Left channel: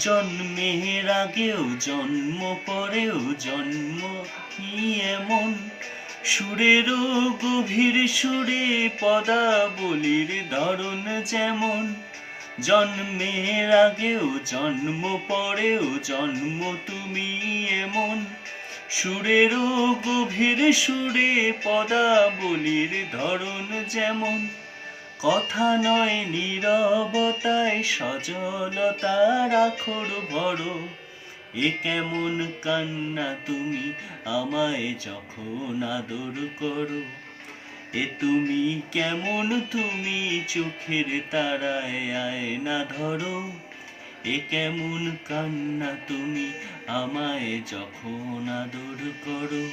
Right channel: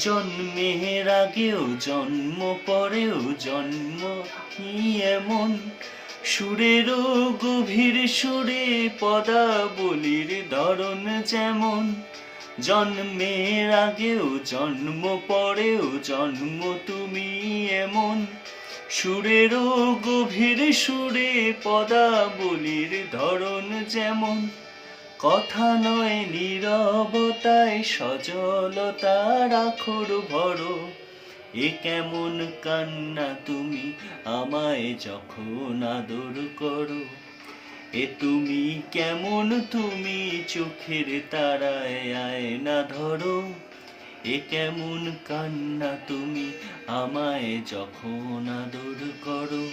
জন্মের আগেও জন্ম, পরেও জন্ম, কি এমন? সুরেরও গভীর সুরে পদাবলির ধরন যেমন। জন্মের আগেও জন্ম, পরেও জন্ম, তুমি এমন। সুরেরও গভীর সুরে পদাবলির ধরন যেমন। কথা নয় নীরবতায় সজলতা রাখর ভরো। এ কেমন কান্না তুমি আমায় যখন আদর করো? এ তুমি কেমন তুমি চোখের তারায় আয়না ধরো? এ কেমন কান্না তুমি আমায় যখন আদর করো?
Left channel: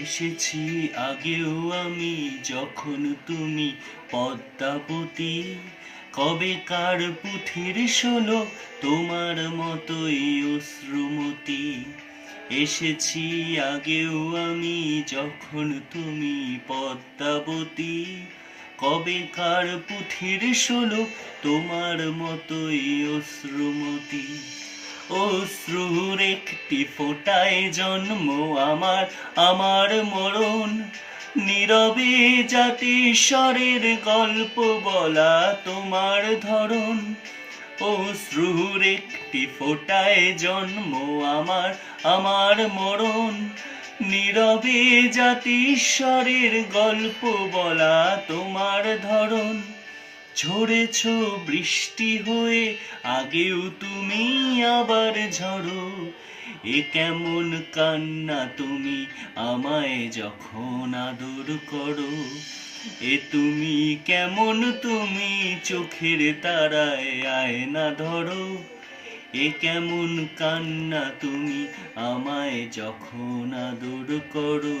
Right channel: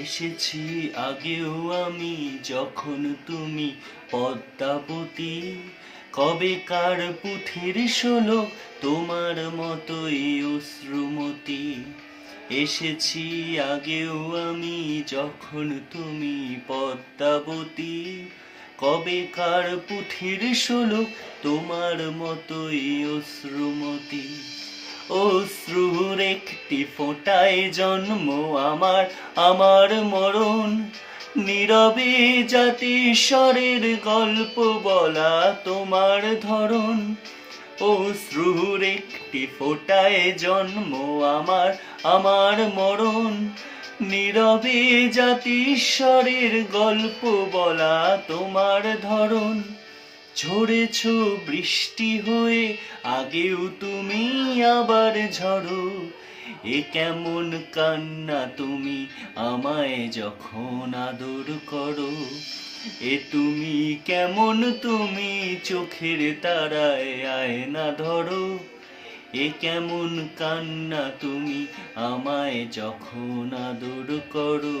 এসেছি আগেও আমি যখন তুমি পদ্মাবতী। কবে কার পুথির শোলো তোমার মতোই অশ্রুমতি। এসেছি আগেও আমি যখন তুমি পদ্মাবতী। কবে কার পুথির শোলো তোমার মতোই অশ্রুমতি। অশ্রুর একটি ফোঁটায় জন্ম আমার আমার মরণ। নীরবে জাতিস্বরের গল্প বলা তোমার ধরন অশ্রুর একটি ফোঁটায় জন্ম আমার আমার মরণ। নীরবে জাতিস্বরের গল্প বলা তোমার ধরন ঝরেছ বৃষ্টি হয়ে, আগেও তুমি আবার ঝরো এ কেমন কান্না তুমি আমায় যখন আদর করো। এ তুমি কেমন তুমি চোখের তারায় আয়না ধরো। এ কেমন কান্না তুমি আমায় যখন আদর করো।